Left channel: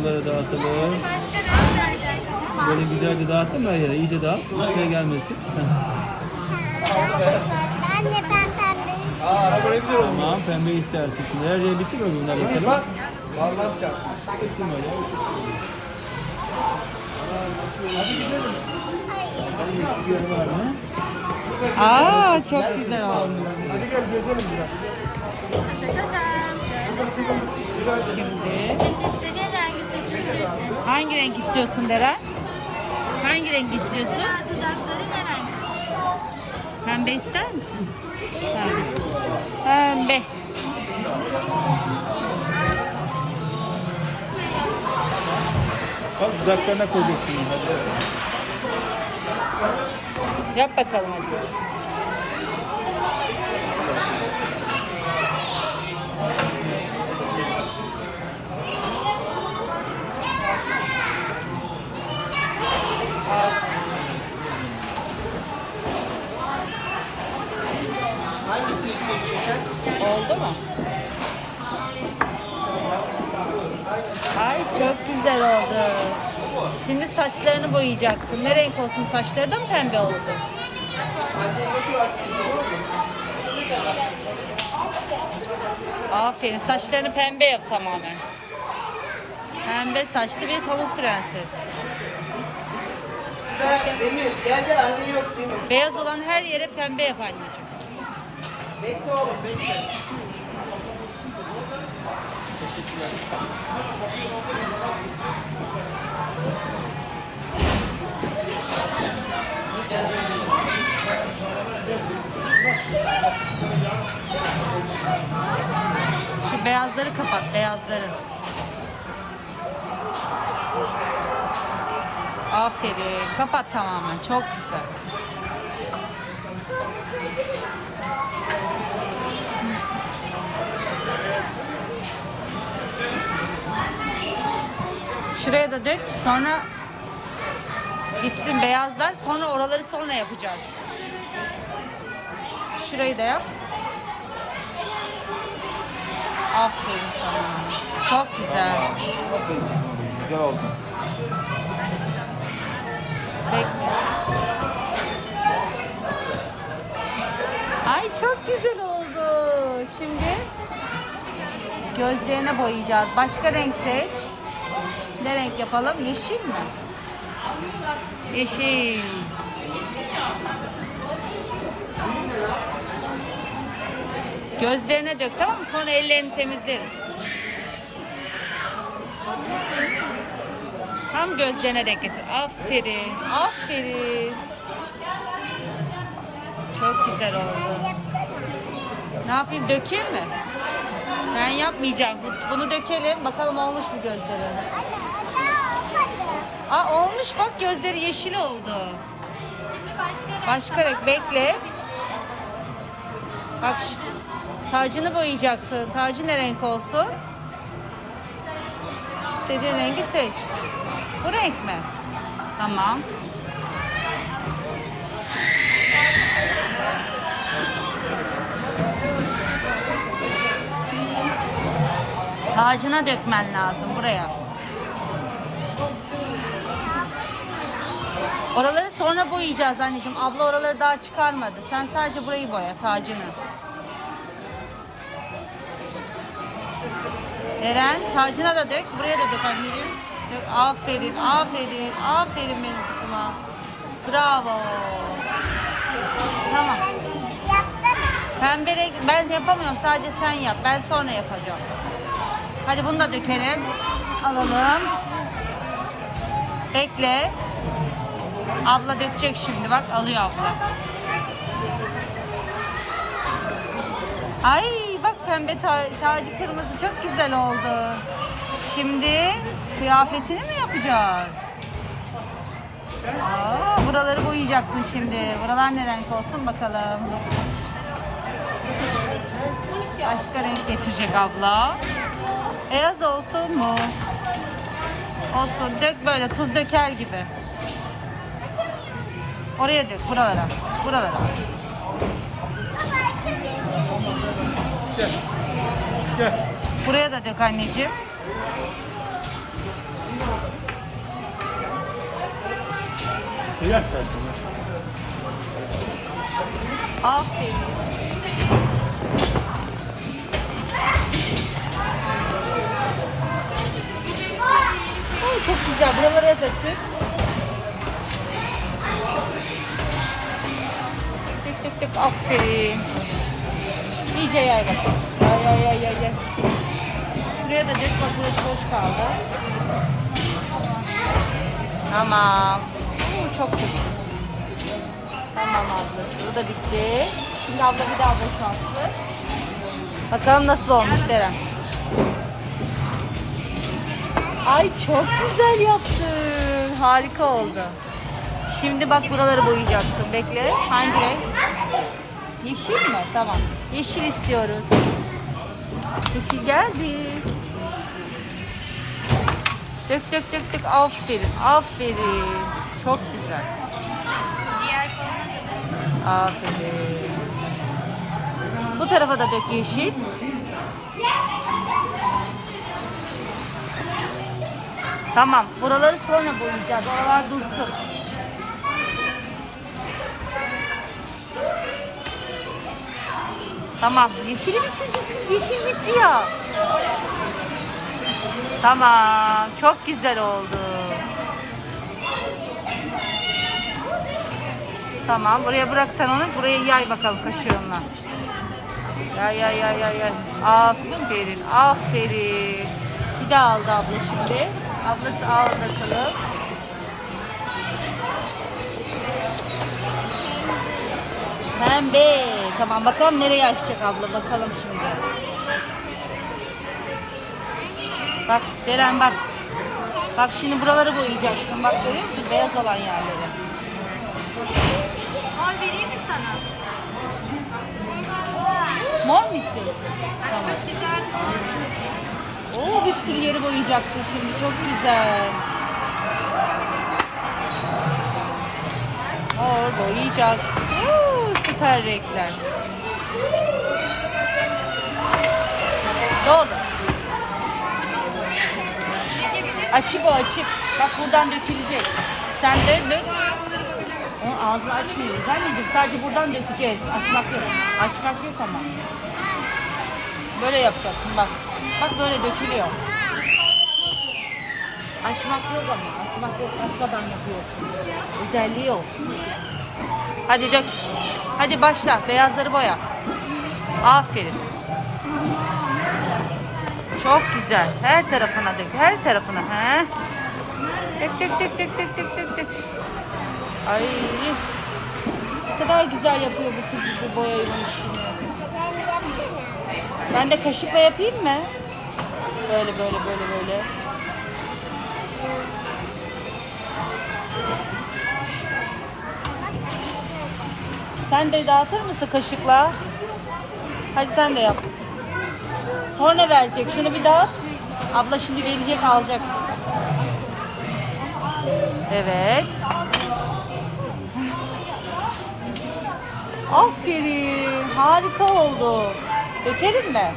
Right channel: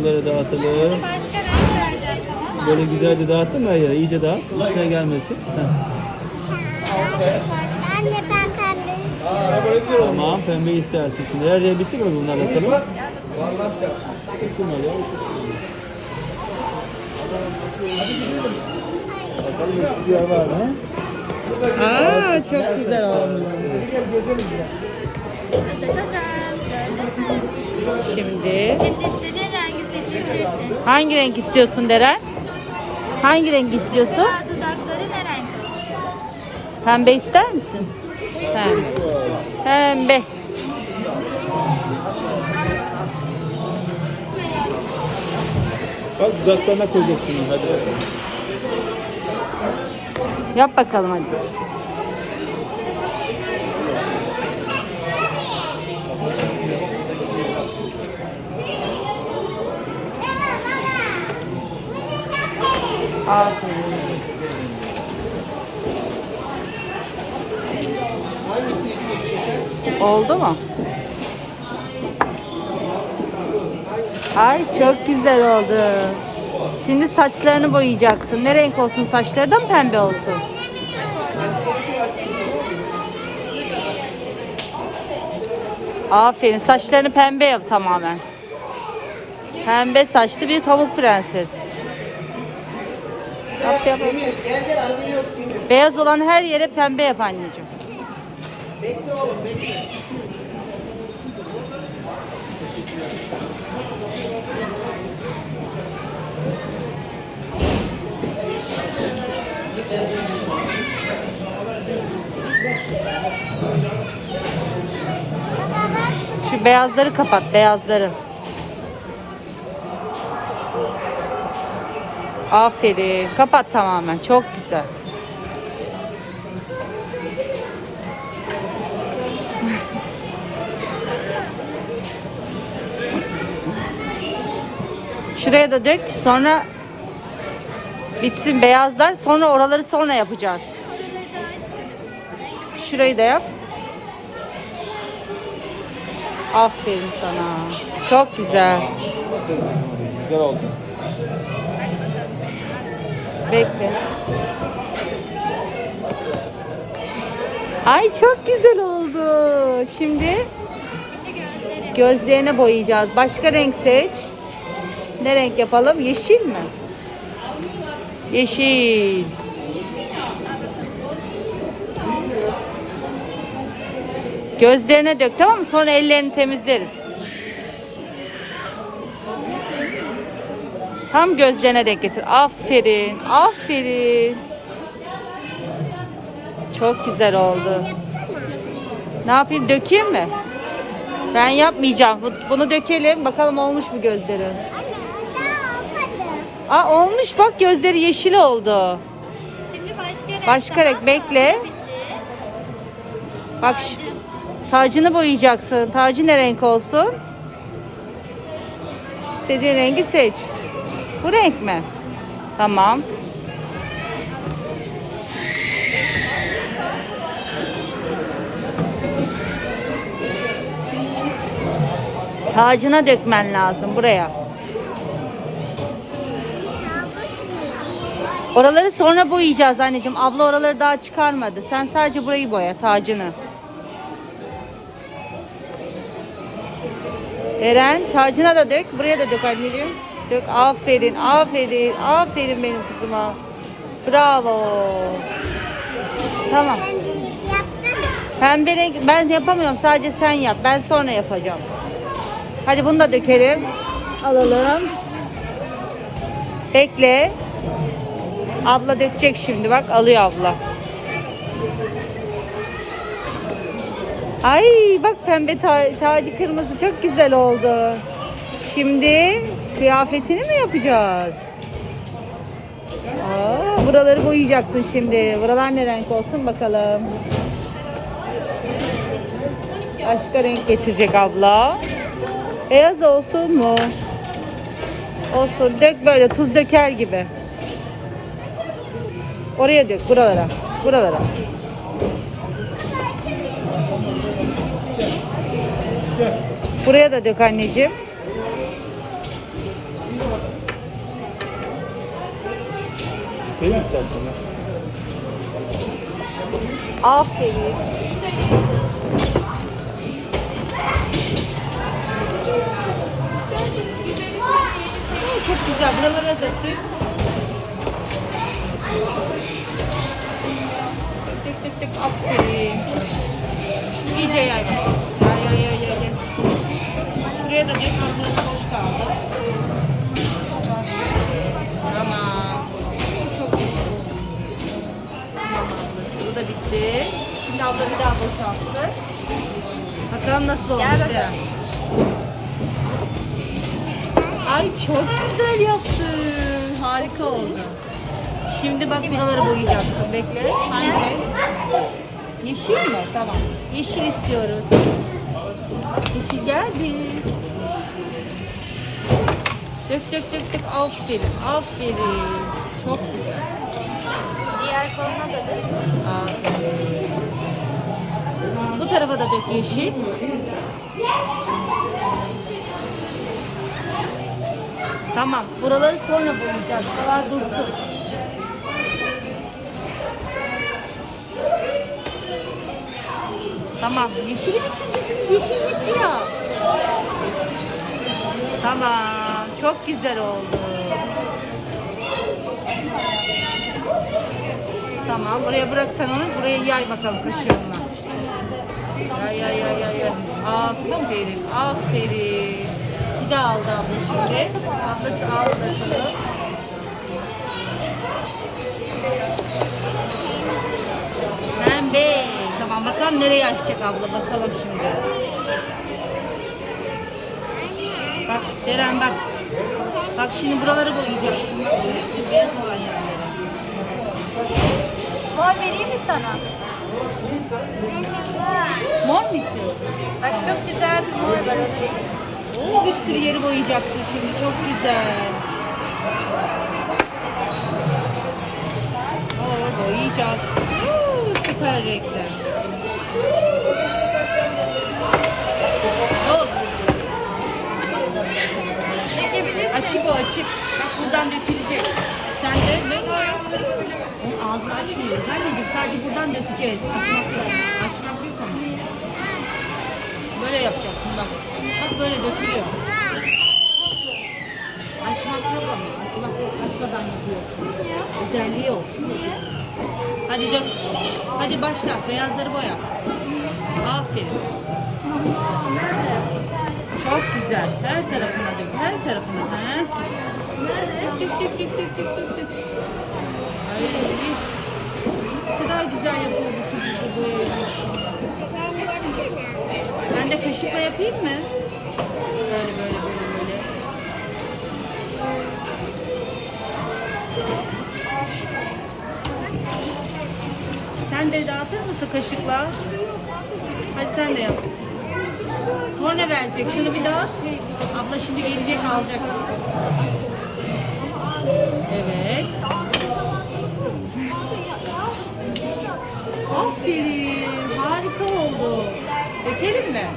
oralara dağıtalım. Böyle güzelce dağıttın mı yere? İyice dağıt. Üstüne gelmesin. Anne ben pembeyi Tamam pembe istersin. Şimdi her yer bitti mi bunlar bakalım? Bitti mi öyle? Aa çok güzel oldu. Şimdi istediğin rengi seçebilirsin. hangi renk istiyorsun Deren? Hangi renk istiyorsun? Daha dudakları ne renk? Pembe ister misin? Pembe. Pembe. Bak dudaklarına koyacaksın. Hadi bakalım. Yap bakalım hadi. Ay çok güzel oldu. Şimdi saçlarını boyayacaksın. Ne renk olsun saçları da mı pembe olsun? Aferin. Saçlarını pembe yap tamamen. Pembe saçlı bir pamuk prenses. Beyaz olan her yere pembe yap anneciğim. Şu beyazları kapat, beyazları. Aferin. Kapat tamamen. Çok güzel. Şuraya da dök. Sonra bitsin beyazlar. Sonra oraları sonra yapacağız. Şurayı da yap. Aferin sana. Çok güzel. Aferin sana. Güzel oldu. Bekle. Ay çok güzel oldu. Şimdi gözlerine boyayacağız. Başka renk seç. Ne renk yapalım? Yeşil mi? Yeşil. Gözlerine dök tamam mı? Sonra ellerini temizleriz. Tam gözlerine denk getir. Aferin. Aferin. Çok güzel oldu. Ne yapayım? Dökeyim mi? Ben yapmayacağım. Bu- Bunu dökelim. Bakalım olmuş mu gözleri? Aa olmuş bak gözleri yeşil oldu. Şimdi başka renk. Başka renk bekle. Bak şu- tacını boyayacaksın. Tacı ne renk olsun? İstediğin rengi seç. Bu renk mi? Tamam. Tacına dökmen lazım buraya. Oraları sonra boyayacağız anneciğim. Abla oraları daha çıkarmadı. Sen sadece burayı boya tacını. Eren tacına da dök. Buraya da dök anneciğim. Dök. Aferin, aferin, aferin benim kızıma. Bravo. Tamam. Pembe renk ben yapamıyorum. Sadece sen yap. Ben sonra yapacağım. Hadi bunu da dökelim. Alalım. Bekle. Abla dökecek şimdi. Bak alıyor abla. Ay bak pembe ta- tacı kırmızı çok güzel oldu. Şimdi kıyafetini mi yapacağız? Aa, buraları boyayacaksın şimdi. Buralar ne renk olsun bakalım. Başka renk getirecek abla. Beyaz olsun mu? Olsun. Dök böyle tuz döker gibi. Oraya dök buralara. Buralara. Buraya da dök anneciğim. Koyuyor musun Aferin. Ay, çok güzel. Buralara da sür. Tık tık tık. Aferin. İyice yay bakalım. Yay yay yay yay. yay. Şuraya da dök. Bak burası boş kaldı. Tamam. Oo, çok güzel. Tamam abla. Bu da bitti. Şimdi abla bir daha boşalttı. Bakalım nasıl olmuş Deren. Ay çok güzel yaptın. Harika oldu. Şimdi bak buraları boyayacaksın. Bekle. Hangi renk? Yeşil mi? Tamam. Yeşil istiyoruz. Yeşil geldi. Dök dök dök dök. Aferin. Aferin. Çok güzel. Diğer koluna da dök. Aferin. Bu tarafa da dök yeşil. Tamam. Buraları sonra boyayacağız. Buralar dursun. Tamam. Yeşili bitirdik. Yeşil bitti ya. Tamam. Çok güzel oldu. Tamam. Buraya bırak sen onu. Buraya yay bakalım kaşığınla. Yay yay yay yay yay. Aferin. Aferin. Bir daha aldı abla şimdi. Ablası al bakalım. Tamam bakalım nereye açacak abla bakalım şimdi. Bak Deren bak. Bak şimdi buraları boyayacaksın. Bak görüyor musun? Beyaz olan yerleri. Kol vereyim mi sana? Mor mu istiyorsun? Bak çok güzel. Oo bir sürü yeri boyayacaksın şimdi. Çok güzel. Mor boyayacak. Oo, süper renkler. Ne oldu? Açık o açık. Bak buradan dökülecek. Sen de dök. Onun ağzını açmıyoruz. Anneciğim sadece buradan dökeceğiz. Açmak yok. Açmak yok ama. Böyle yapacaksın bak. Bak böyle dökülüyor. Açmak yok ama. Açmak yok. Açmadan yapıyorsun. Özelliği o. Hadi dök. Hadi başla. Beyazları boya. Aferin. Çok güzel. Her tarafına dök. Her tarafına. He. Dök dök dök dök dök dök dök dök. Ay. Ne kadar güzel yapıyor bu kız bu boyayı. Ben de kaşıkla yapayım mı? Böyle böyle böyle böyle. Sen de dağıtır mısın kaşıkla? Hadi sen de yap. Sonra verecek. Şunu bir dağıt. Abla şimdi gelecek alacak. Evet. Aferin. Harika oldu. Dökelim mi?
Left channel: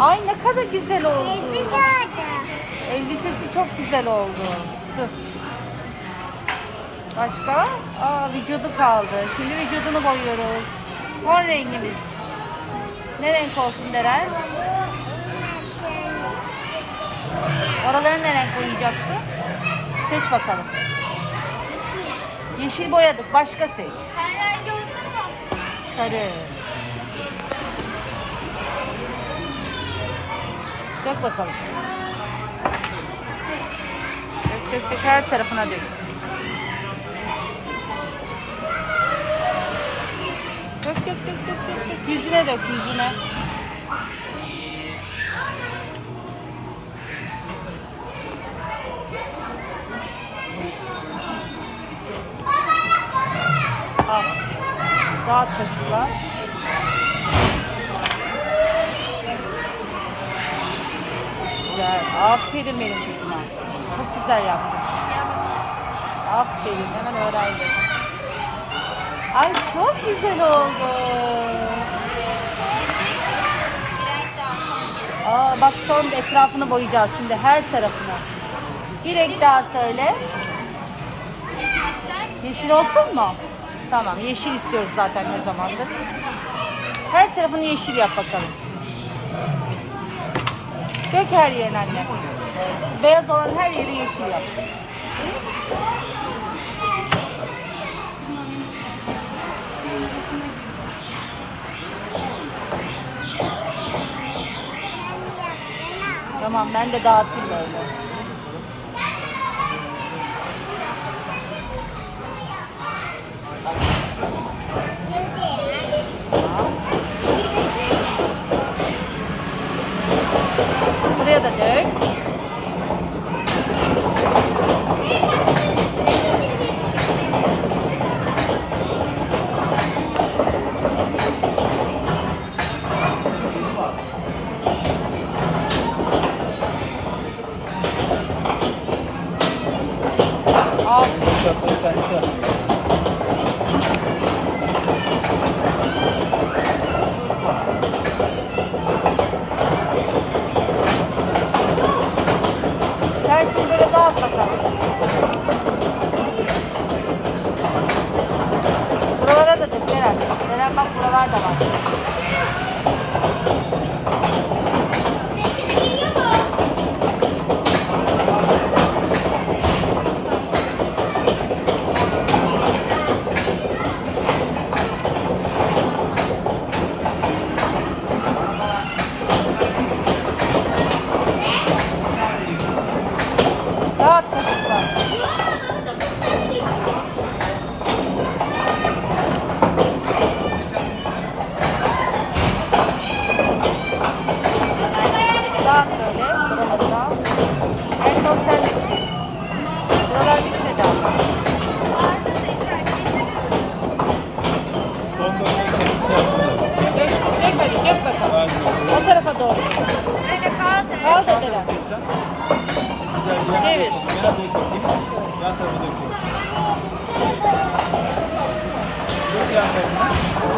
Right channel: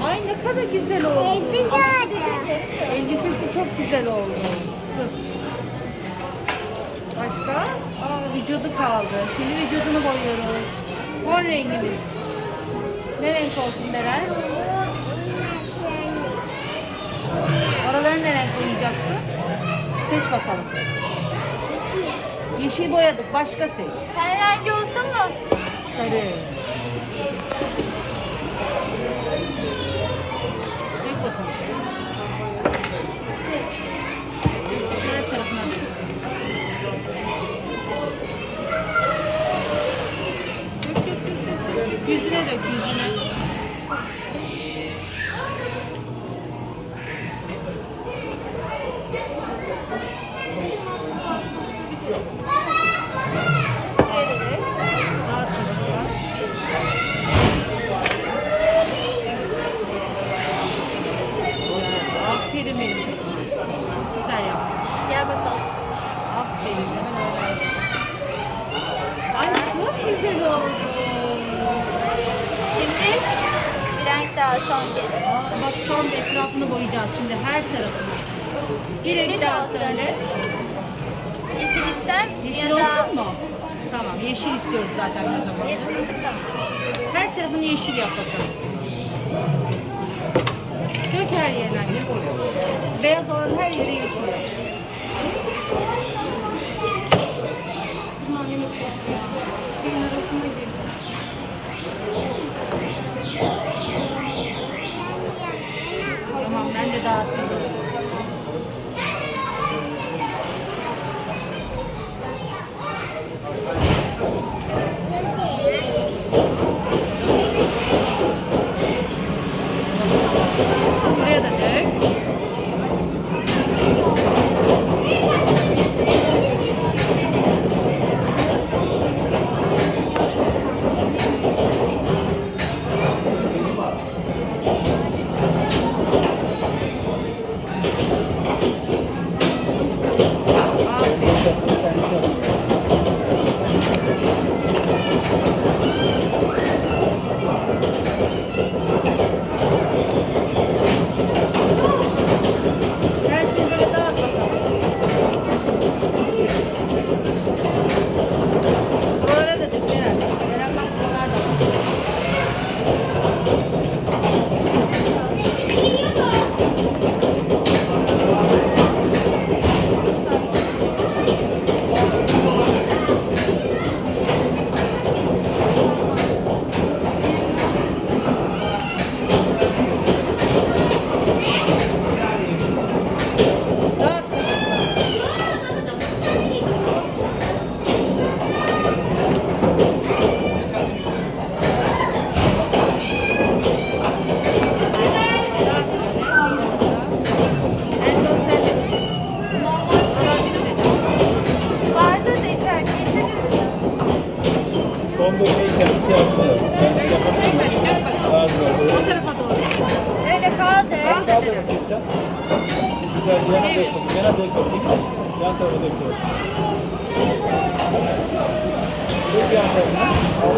Ay ne kadar güzel oldu. Elbise oldu. Elbisesi çok güzel oldu. Dur. Başka? Aa vücudu kaldı. Şimdi vücudunu boyuyoruz. Son rengimiz. Ne renk olsun Deren? Oraları ne renk boyayacaksın? Seç bakalım. Yeşil boyadık. Başka seç. Her rengi olsun mu? Sarı. Dök bakalım. Dök her tarafına dök. Dök dök dök dök. dök. Yüzüne dök yüzüne. Rahat kaşıkla. Güzel yaptın. Aferin. Hemen öğrendim. Ay çok güzel oldu. Şimdi bir renk daha sonra. Aa, bak son etrafını boyayacağız şimdi her tarafını. Bir renk daha söyle. Yeşil olsun mu? Tamam yeşil istiyoruz zaten ne zamandır. Her tarafını yeşil yap bakalım. Tek her yerine anne. Beyaz olan her yeri yeşil yap. Tamam ben de dağıtayım böyle.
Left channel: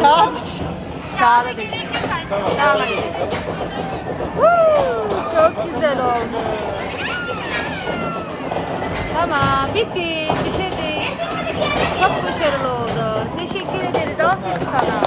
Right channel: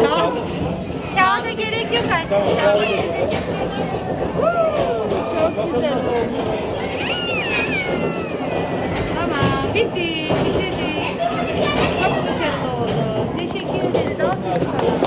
Tamam. Kağıda gerek yok aşkım. Tamam, Çok güzel oldu. Tamam bitti. Bitirdik. Çok başarılı oldu. Teşekkür ederiz. Aferin sana.